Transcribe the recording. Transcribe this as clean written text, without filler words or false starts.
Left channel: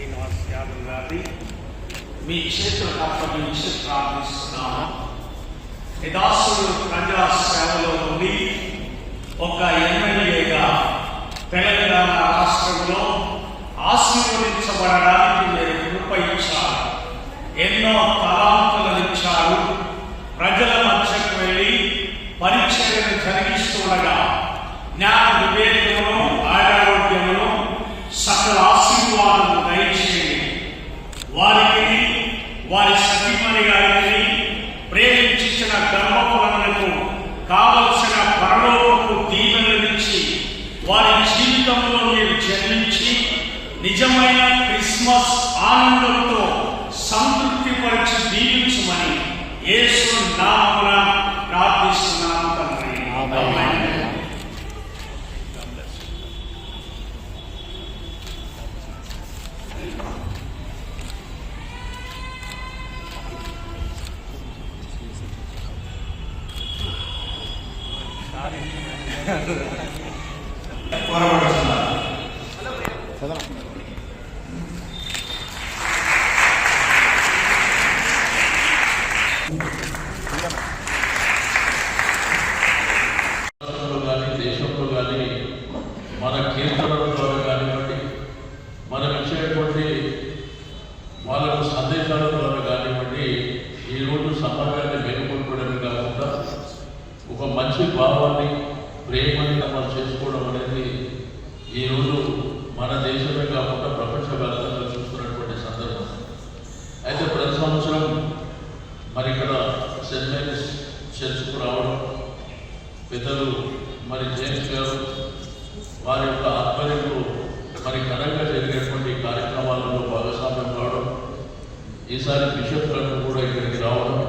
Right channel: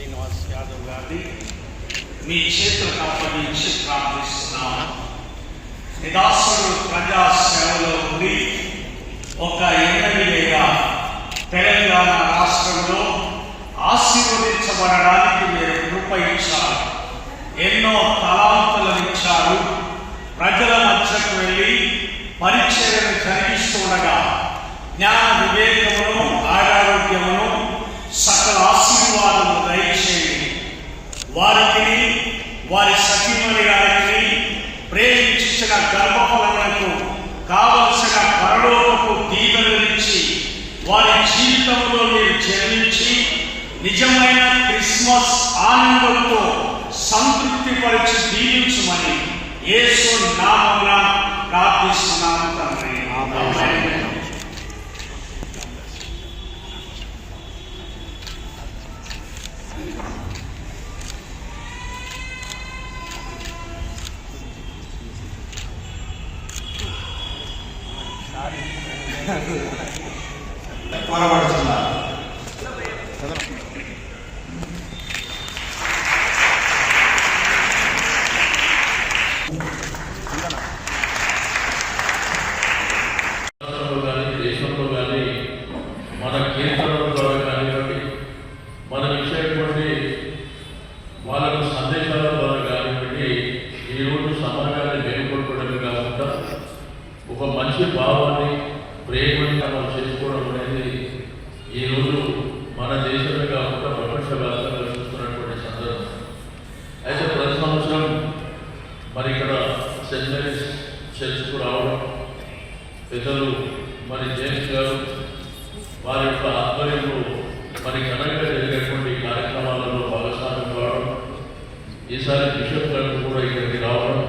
శ్రీనివాస్ యాదవ్ గారిని మీ చేతులకు అప్పగించి ప్రార్థిస్తున్నాము. నిదాసుడు ప్రజా సేవలో ఉండి ఒక ఎమ్మెల్యేగా తెలంగాణ రాష్ట్రంలో ఆశీర్వదించబడడానికి మీరు కృప ఇచ్చారు. ఎన్నో తలాంతులను ఇచ్చారు. ప్రజల మధ్యకు వెళ్ళి పరిచర్యను జరిగిస్తుండగా జ్ఞాన వివేకమును, ఆరోగ్యమును, సకల ఆశీర్వాదము దయచేయండి. వారికి, వారి సతీమణి గారికి ప్రేమించిన గర్భఫలములకు కావలసిన పరలోకపు దీవెనలిచ్చి వారి జీవితంలో మీరు జన్మించి నిజమైన క్రిస్మస్ ఆనందంతో సంతృప్తి పరిచి దీవించమని యేసు నామమున ప్రార్థిస్తున్నాను తండ్రి. ఆమేన్. దేశంలో కానీ మన కేంద్రంలో కానివ్వండి, మనం ఇచ్చేటువంటి వాళ్ళకు సందేశాల ద్వారా కానివ్వండి, ఈరోజు సమాజాన్ని మేలుకొల్పడం కాకుండా ఒక మంచి భావాన్ని, ప్రేమని మనం చేసుకోవడం అనేది ఈరోజు మన దేశమే కాకుండా ప్రపంచవ్యాప్తంగా చూస్తున్నటువంటి సందర్భం. అయితే ప్రతి సంవత్సరం మరి ఇక్కడ సెయింట్ మేరీస్ చర్చ్కు రావడం, పెద్దలు మరి జేమ్స్ గారు వారి యొక్క ఆధ్వర్యంలో మరి ఘనంగా జరిగేటువంటి కార్యక్రమాలలో భాగస్వామ్యం కావడం, ఈసారి బిషప్ గారు కూడా ఇక్కడికి రావడం,